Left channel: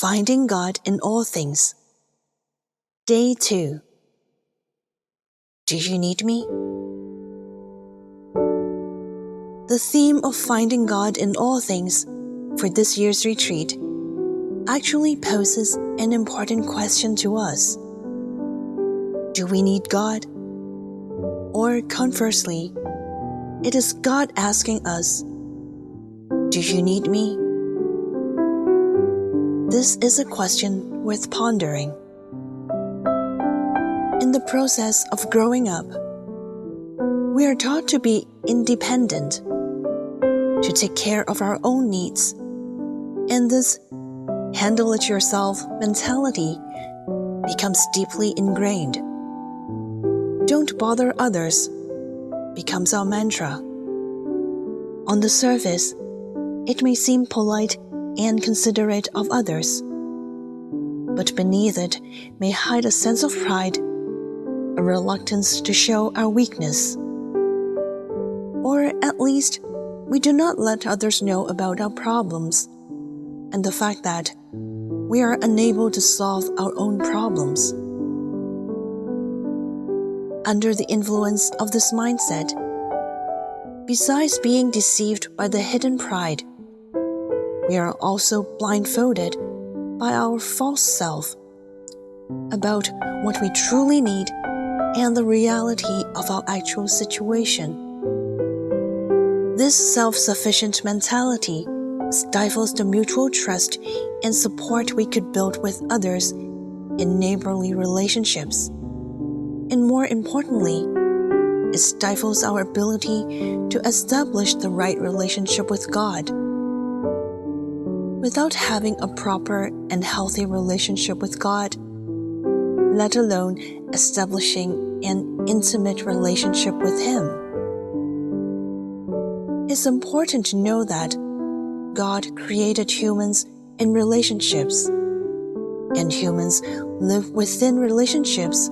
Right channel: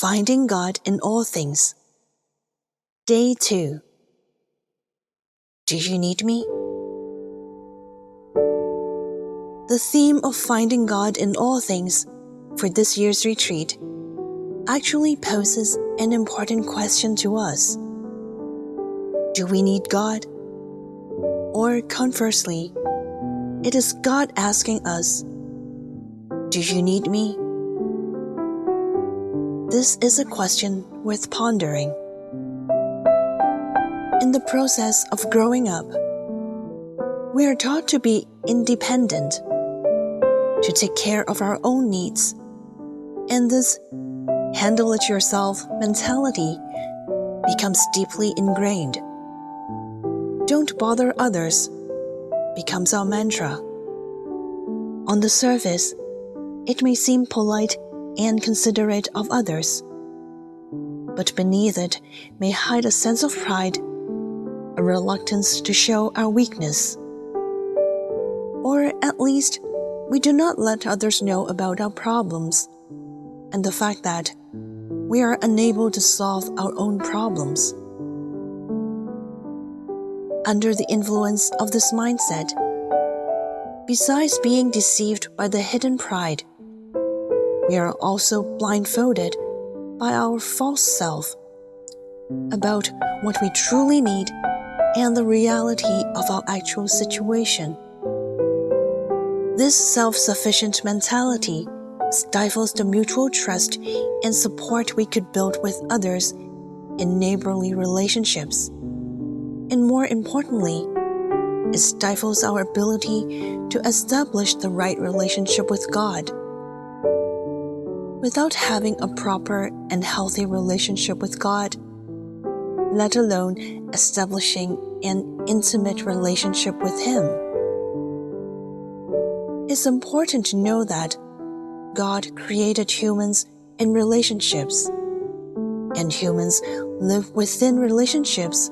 Finding God in All Things. Day 2. Do you need me? The theme of finding God in all things for this year's retreat actually poses an important question to us. Do we need God? Or conversely, it is God asking us, do you need me? This is a question worth pondering. In the process of growing up, we are taught to be independent, to take care of our own needs, and this handle-it-yourself mentality becomes deeply ingrained. Don't bother others becomes our mantra. On the surface, it may seem polite and considerate of others, but beneath it may hide a sense of pride, a reluctance to show our weakness. Or at least, we do not let others know about our problems and the fact that we are unable to solve our own problems. Under the influence of this mindset, besides being deceived by the hidden pride, we are also blindfolded by our false self about what we truly need and the reality of our actual situation. This self-sufficient mentality stifles the mutual trust and support we could build with others in neighborly relationships. And more importantly, it stifles our ability to establish the right relationship with God. Without having a proper and healthy relationship with God, let alone establishing an intimate relationship with Him, it's important to know that God created humans in relationships, and humans live within relationships,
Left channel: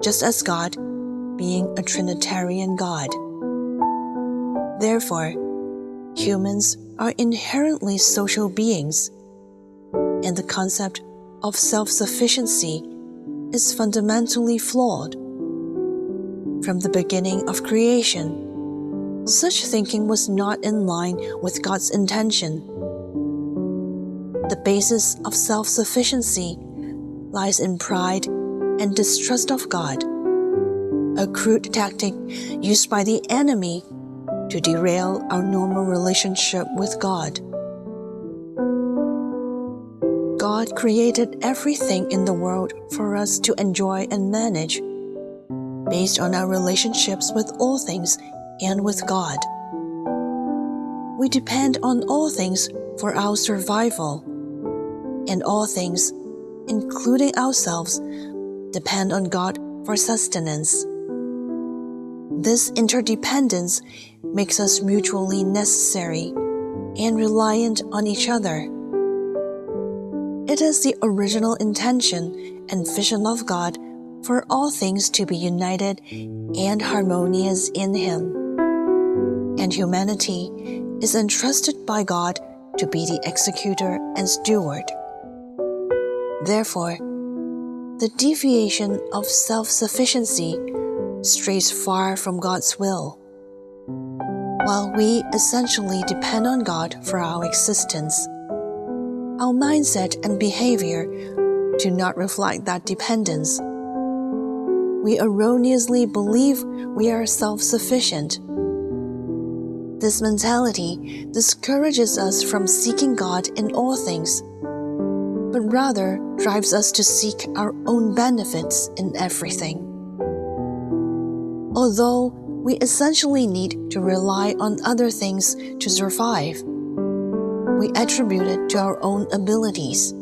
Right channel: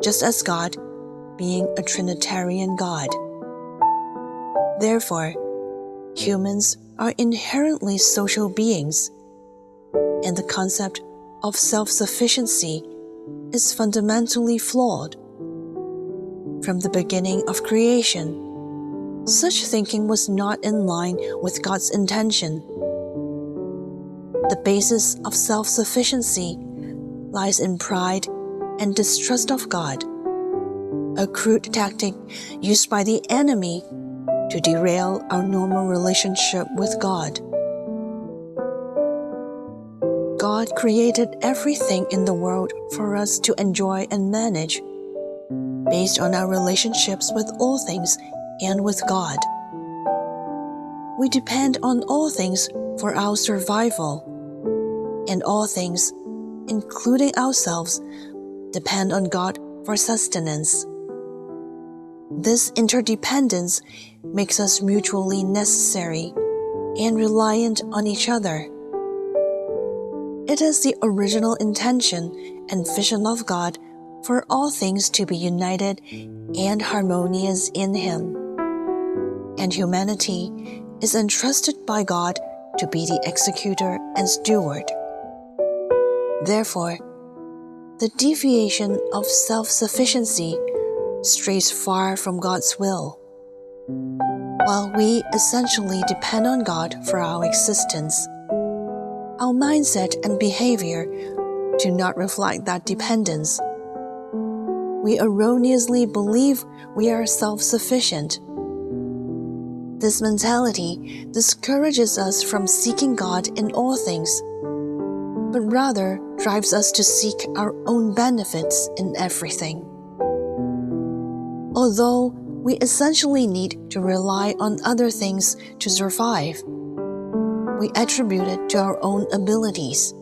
just as God, being a Trinitarian God. Therefore, humans are inherently social beings, and the concept of self-sufficiency is fundamentally flawed. From the beginning of creation, such thinking was not in line with God's intention. The basis of self-sufficiency lies in pride and distrust of God, a crude tactic used by the enemy to derail our normal relationship with God. God created everything in the world for us to enjoy and manage, based on our relationships with all things and with God. We depend on all things for our survival, and all things, including ourselves, depend on God for sustenance. This interdependence makes us mutually necessary and reliant on each other. It is the original intention and vision of God for all things to be united and harmonious in Him, and humanity is entrusted by God to be the executor and steward. Therefore, the deviation of self-sufficiency strays far from God's will. While we essentially depend on God for our existence, our mindset and behavior do not reflect that dependence. We erroneously believe we are self-sufficient. This mentality discourages us from seeking God in all things, but rather drives us to seek our own benefits in everything. Although we essentially need to rely on other things to survive, we attribute it to our own abilities.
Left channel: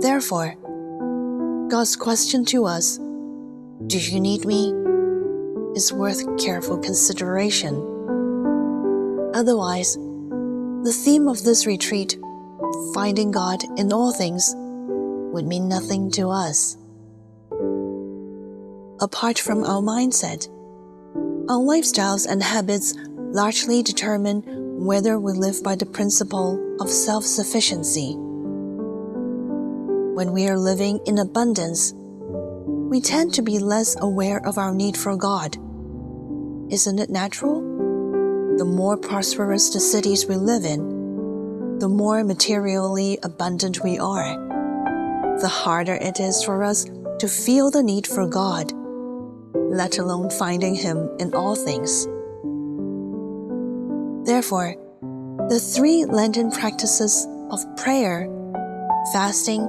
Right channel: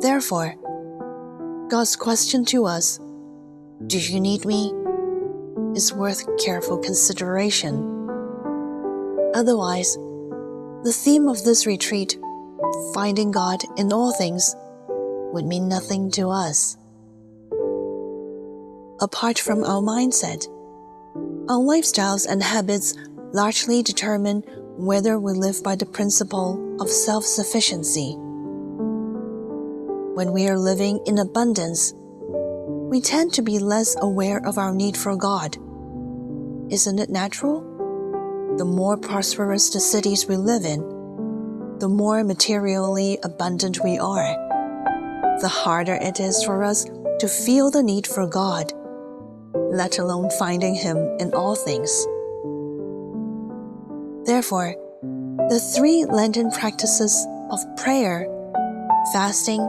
Therefore, God's question to us, "Do you need me?" is worth careful consideration. Otherwise, the theme of this retreat, finding God in all things, would mean nothing to us. Apart from our mindset, our lifestyles and habits largely determine whether we live by the principle of self-sufficiency. When we are living in abundance, we tend to be less aware of our need for God. Isn't it natural? The more prosperous the cities we live in, the more materially abundant we are, the harder it is for us to feel the need for God, let alone finding Him in all things. Therefore, the 3 Lenten practices of prayer, fasting,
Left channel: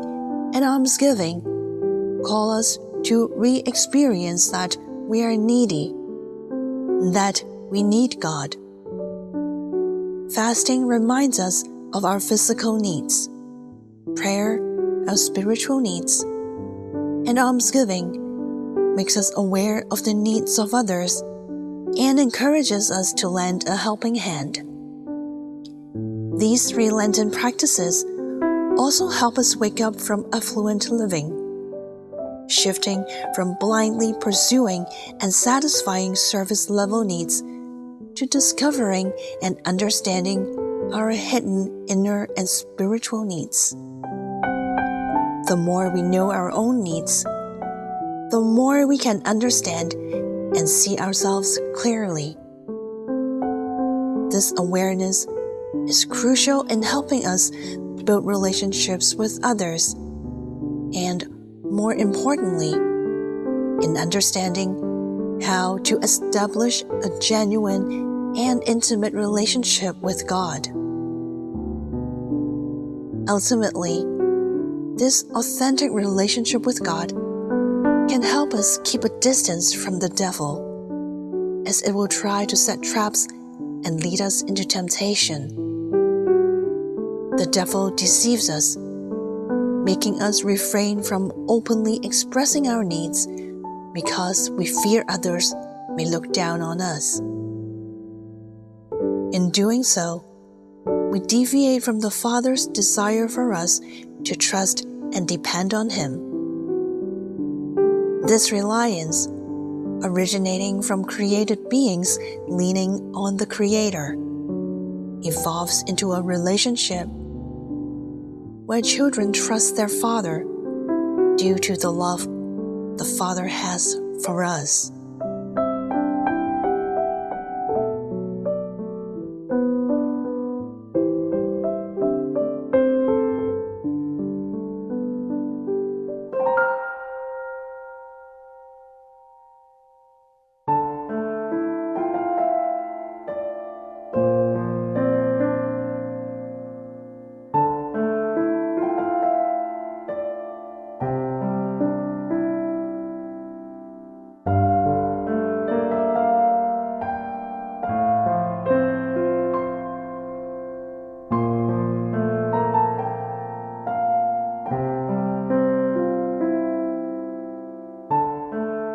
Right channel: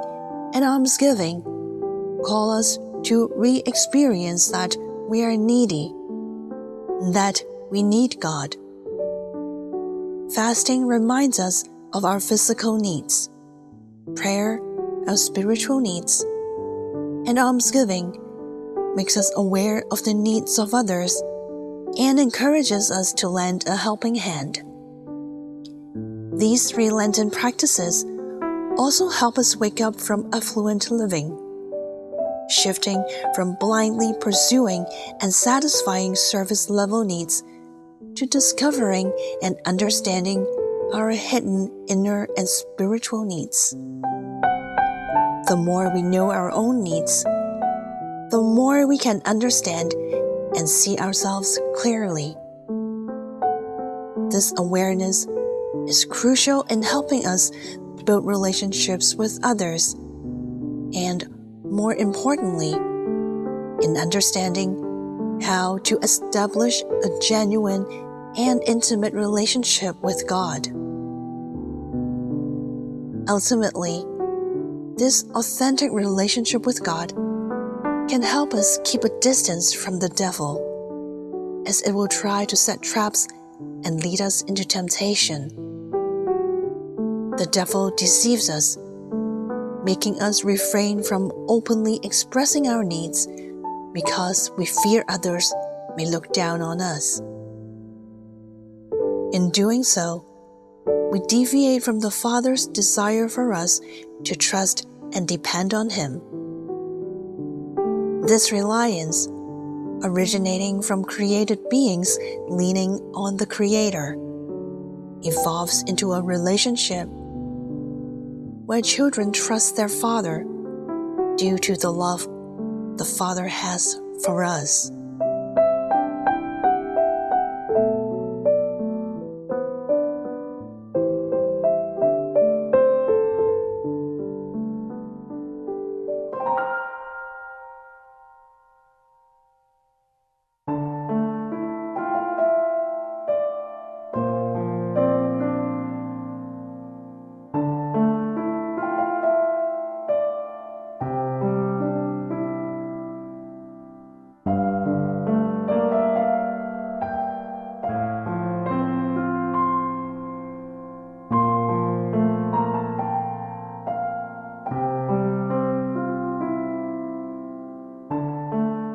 and almsgiving call us to re-experience that we are needy, that we need God. Fasting reminds us of our physical needs, prayer our spiritual needs, and almsgiving makes us aware of the needs of others and encourages us to lend a helping hand. These 3 Lenten practices also help us wake up from affluent living, shifting from blindly pursuing and satisfying surface-level needs to discovering and understanding our hidden inner and spiritual needs. The more we know our own needs, the more we can understand and see ourselves clearly. This awareness is crucial in helping us build relationships with others, and more importantly, in understanding how to establish a genuine and intimate relationship with God. Ultimately, this authentic relationship with God can help us keep a distance from the devil, as it will try to set traps and lead us into temptation. The devil deceives us, making us refrain from openly expressing our needs because we fear others may look down on us. In doing so, we deviate from the Father's desire for us to trust and depend on Him. This reliance, originating from created beings leaning on the Creator, evolves into a relationship where children trust their Father due to the love the Father has for us.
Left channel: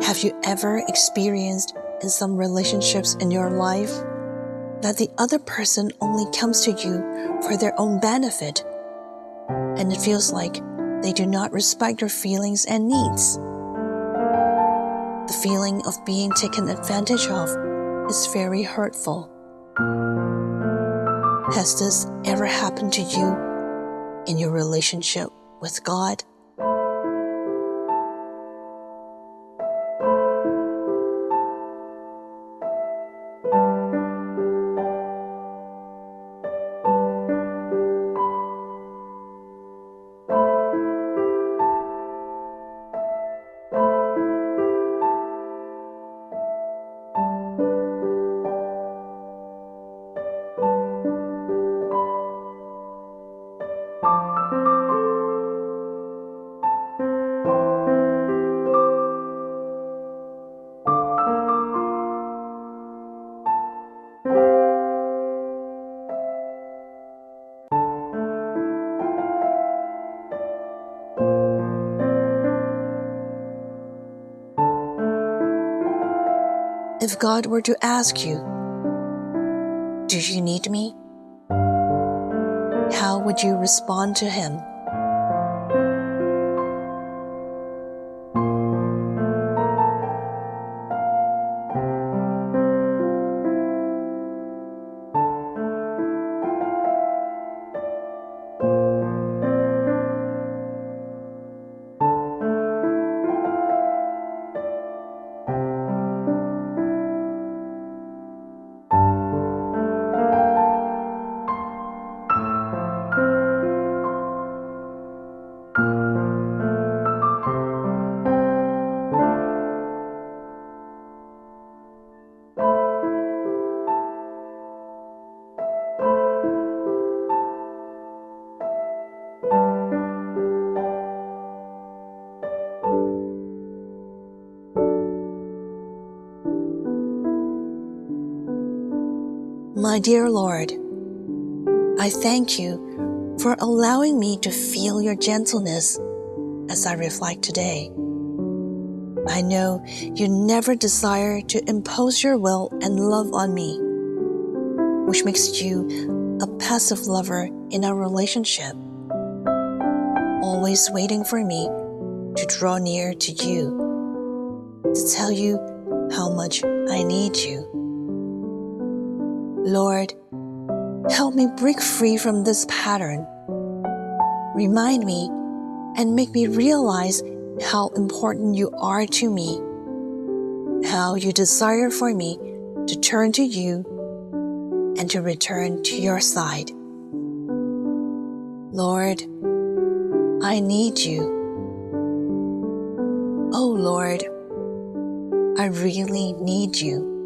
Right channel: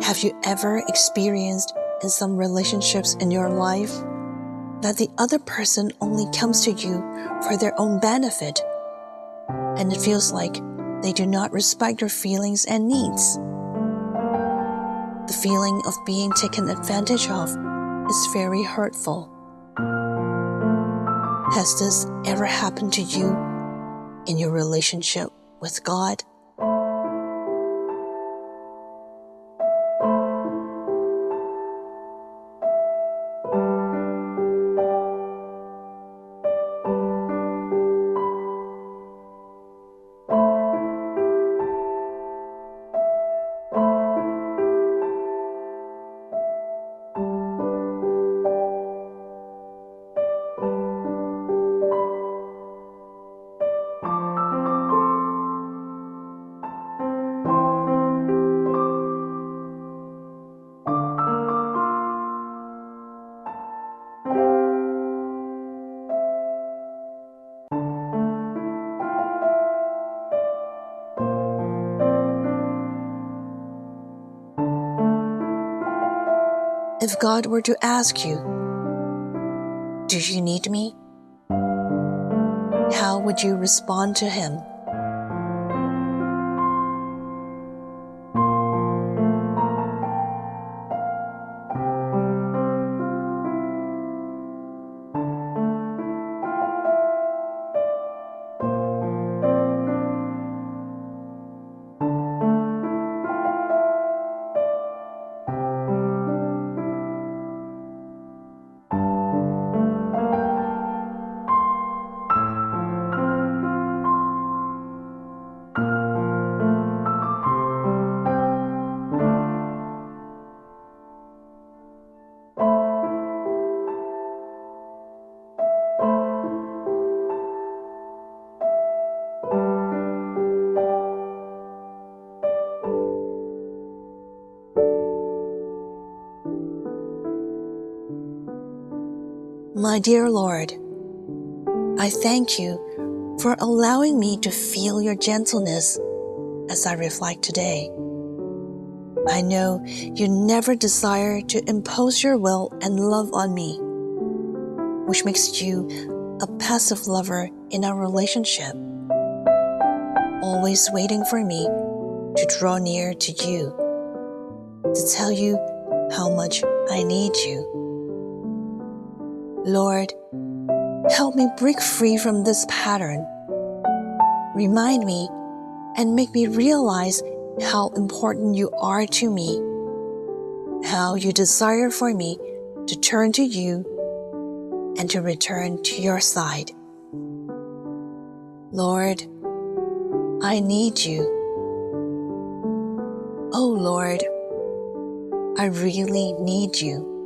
Have you ever experienced in some relationships in your life that the other person only comes to you for their own benefit, and it feels like they do not respect your feelings and needs? The feeling of being taken advantage of is very hurtful. Has this ever happened to you in your relationship with God? If God were to ask you, "Do you need me?" how would you respond to Him? My dear Lord, I thank you for allowing me to feel your gentleness as I reflect today. I know you never desire to impose your will and love on me, which makes you a passive lover in our relationship, always waiting for me to draw near to you, to tell you how much I need you. Lord, help me break free from this pattern. Remind me and make me realize how important you are to me, how you desire for me to turn to you and to return to your side. Lord, I need you. Oh Lord, I really need you.